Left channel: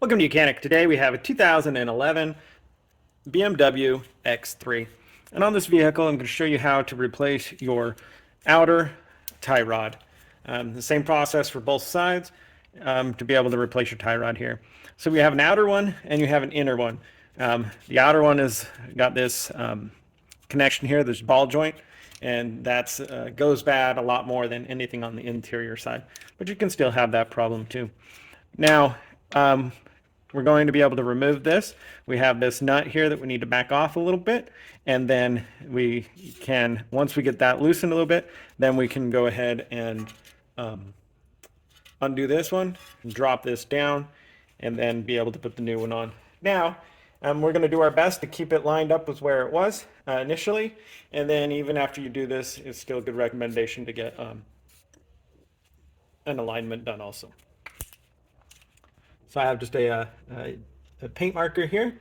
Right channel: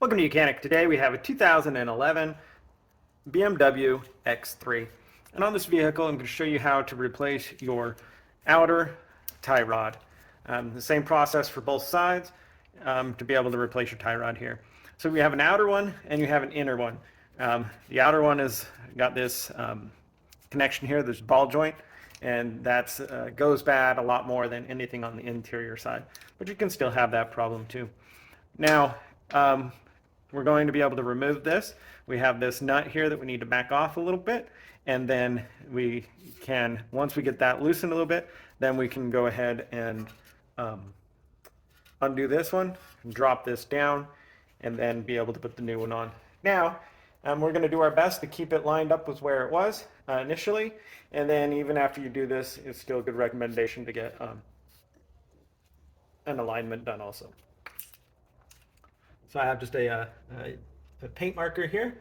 Welcome to Mechanic. Today we have a 2011 BMW X3. And on this vehicle, I'm going to show you how to replace your outer tie rod. The same process for both sides to be able to replace your tie rod here. So we have an outer one and you have an inner one. The outer one has got this connection here, this ball joint, and that goes bad a lot more than anything on the interior side. But you can still have that problem too. Now, we're going to be able to remove this. We have this nut here that we need to back off a little bit, and then we can, once we get that loosened a little bit, then we can go ahead and undo this one, drop this down, and then be able to put the new one on. Now, we're going to do our best to keep it lined up with where it was initially, and then even after you do this, it's still a good recommendation to get an alignment done also. So I have just a paint marker here.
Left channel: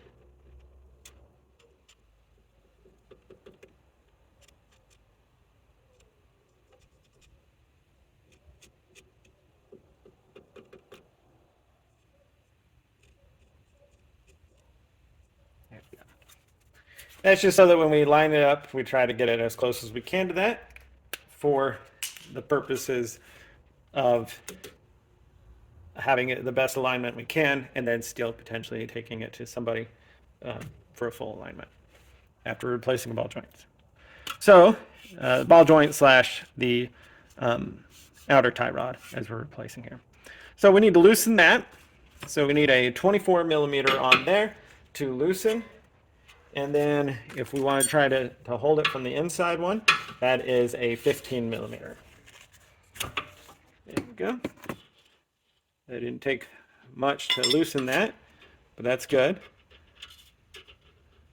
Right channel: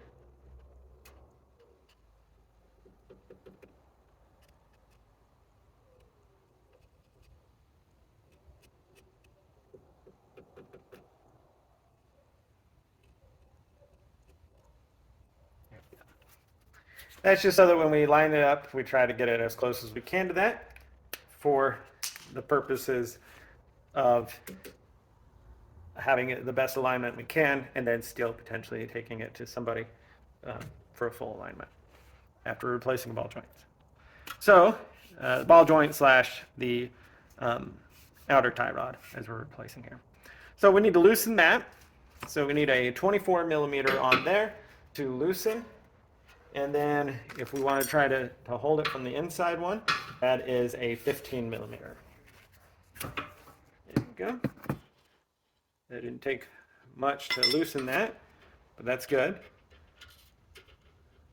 That's just so that when we line it up, we try to get it as close as we can to that for the purposes of having it in the best alignment we can, and then still potentially taking it to somebody for a full alignment after replacing ball joints. So the ball joint slash the outer tie rod as we're replacing here. So we need to loosen that. So we need a 24 millimeter on there to loosen. And then if we want to try to hold it from the inside one, that is a 15 millimeter. There we go. It didn't take much to loosen that, but that's good.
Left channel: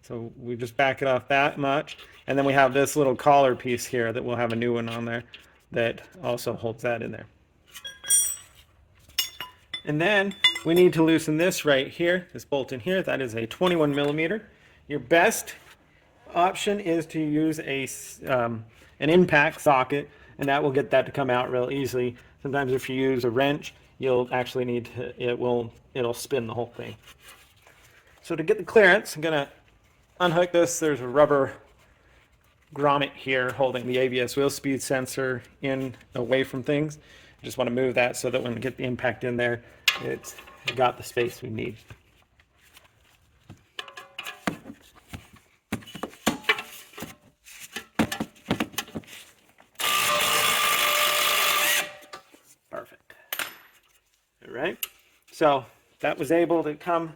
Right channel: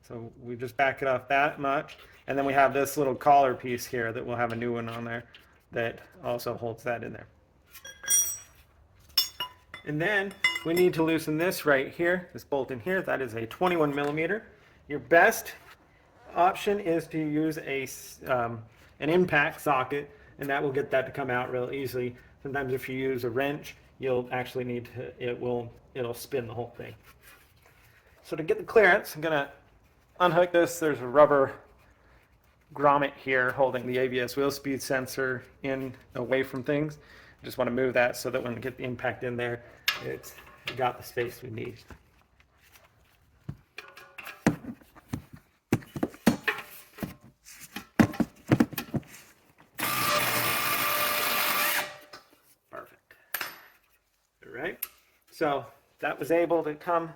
So we just back it off that much. And then we have this little collar piece here that we'll have a new one on there that also holds that in there. And then we need to loosen this right here, this bolt in here. That is a 21 millimeter. Your best option is to use an impact socket, and that will get that to come out real easily. Sometimes if you use a wrench, you'll actually need to, it'll spin the whole thing. So to get the clearance, I'm gonna unhook this. There's a rubber grommet here holding the ABS wheel speed sensor in away from things. I just want to move that so that when we get the impact in there, it's got the space we need. Right? So that was able to come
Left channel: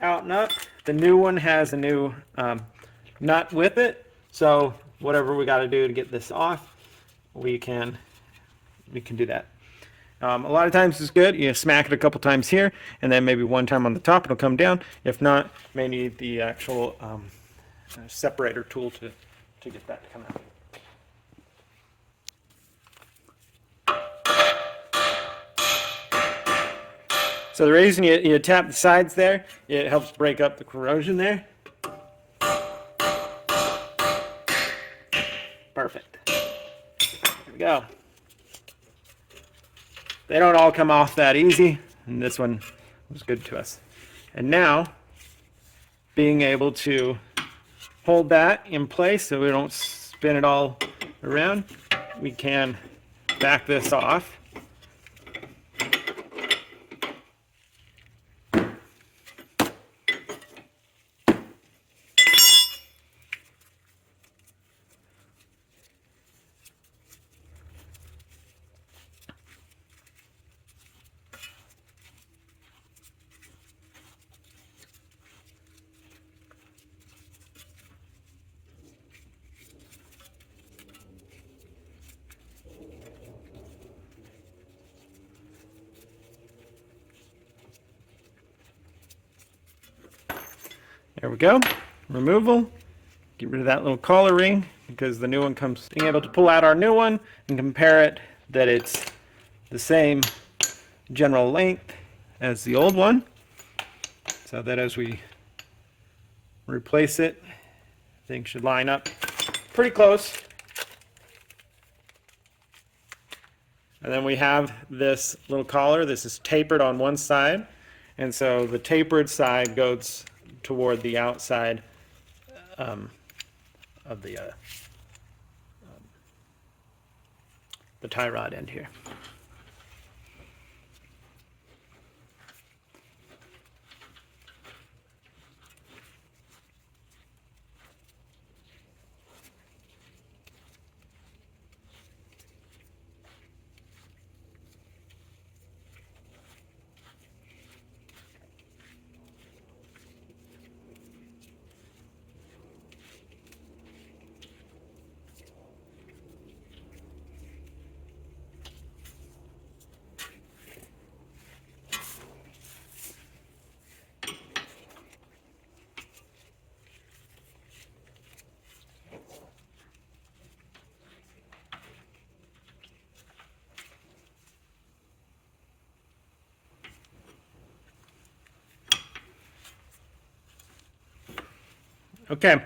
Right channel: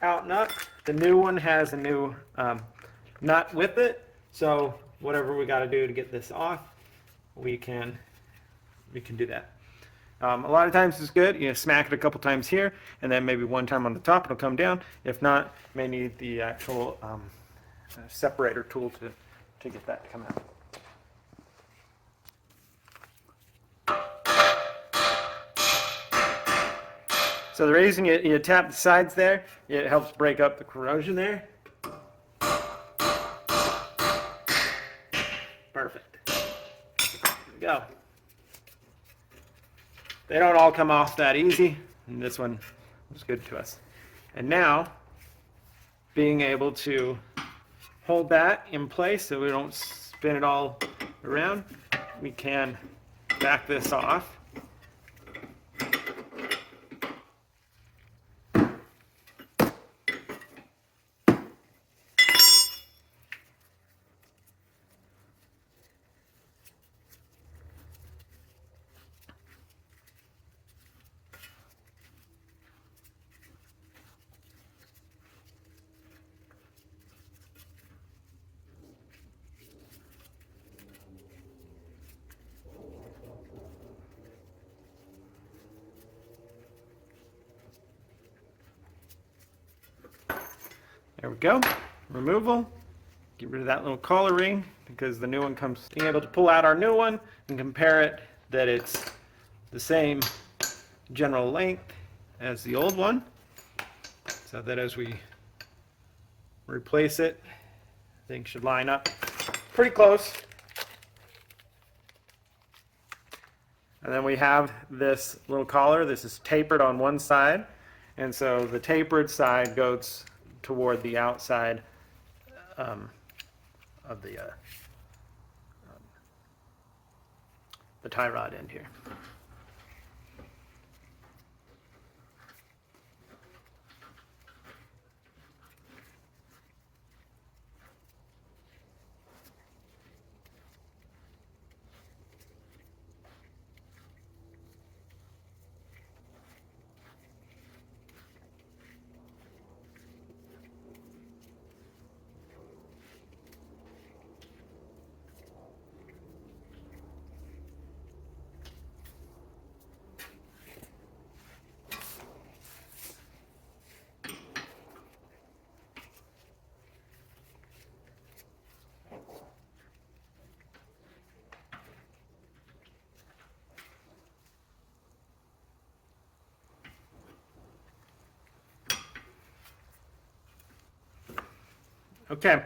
out nut. The new one has a new nut with it. So whatever we got to do to get this off, we can do that. A lot of times it's good. You smack it a couple times here, and then maybe one time on the top it'll come down. If not, you may need the actual separator tool to get that to come out. So the reason you tap the sides there, it helps break up the corrosion there. Perfect. There we go. They don't all come off that easy, and this one was good to us. And now, being able to hold that in place so we don't spin it all around, we can back this off. There we go. Removal. Get rid of that little collar ring because the new one comes. Being able to pull out our new one and compare it that it's the same general length as the old one, so that as we replace it, things should line up pretty close. And then we have this little collar. This is tapered on one side, And so the tapered side goes toward the outside of the tie rod end here. Okay,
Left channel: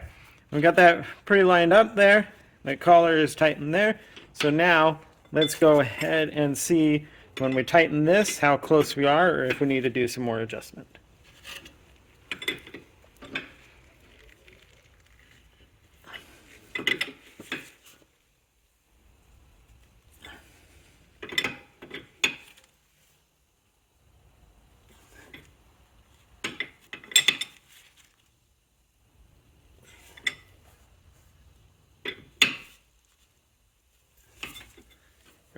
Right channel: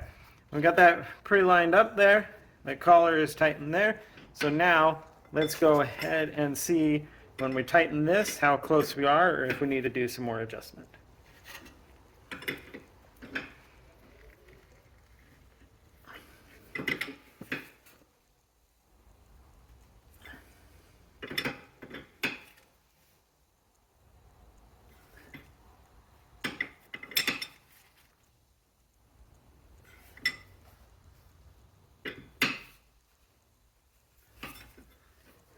we got that pretty lined up there. The collar is tightened there. So now let's go ahead and see when we tighten this how close we are, or if we need to do some more adjustment.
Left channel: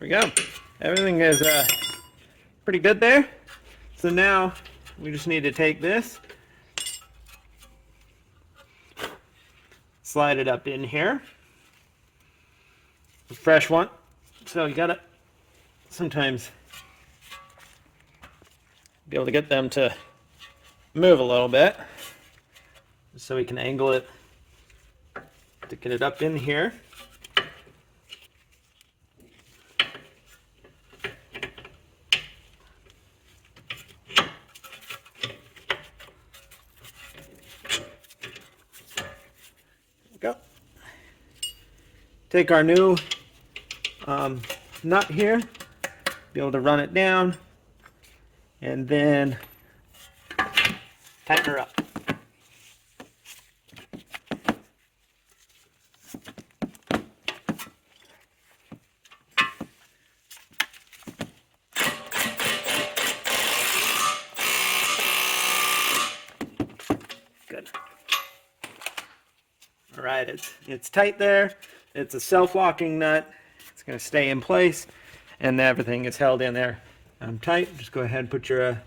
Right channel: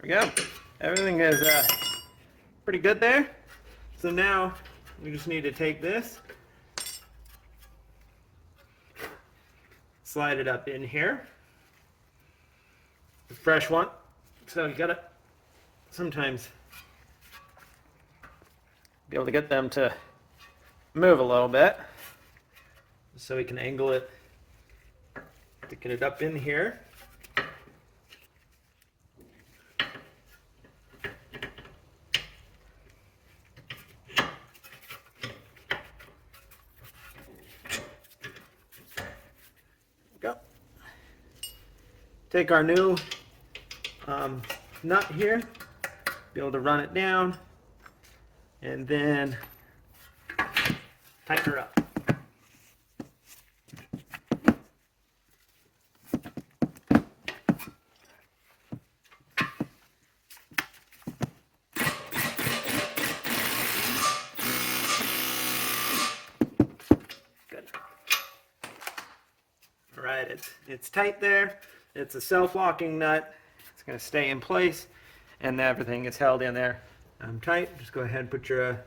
There we go. Everything is pretty good there. So now we just need to take this, slide it up in here. A fresh one. So you gotta sometimes be able to get them to move a little bit, so we can angle it to get it up in here. Go. Take our new nut here, be able to run it down, and then tighten her up. Good. All right, it's tight there. It's a self-locking nut. It's going to stay in place, and everything is held in there tight. Just go ahead and put your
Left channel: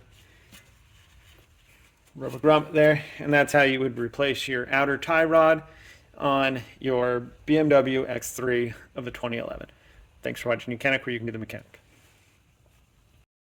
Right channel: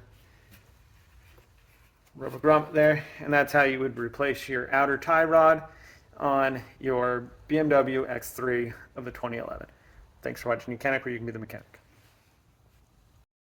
rubber grommet there, and that's how you would replace your outer tie rod on your BMW X3 of the 2011. Thanks for watching. You can be the mechanic.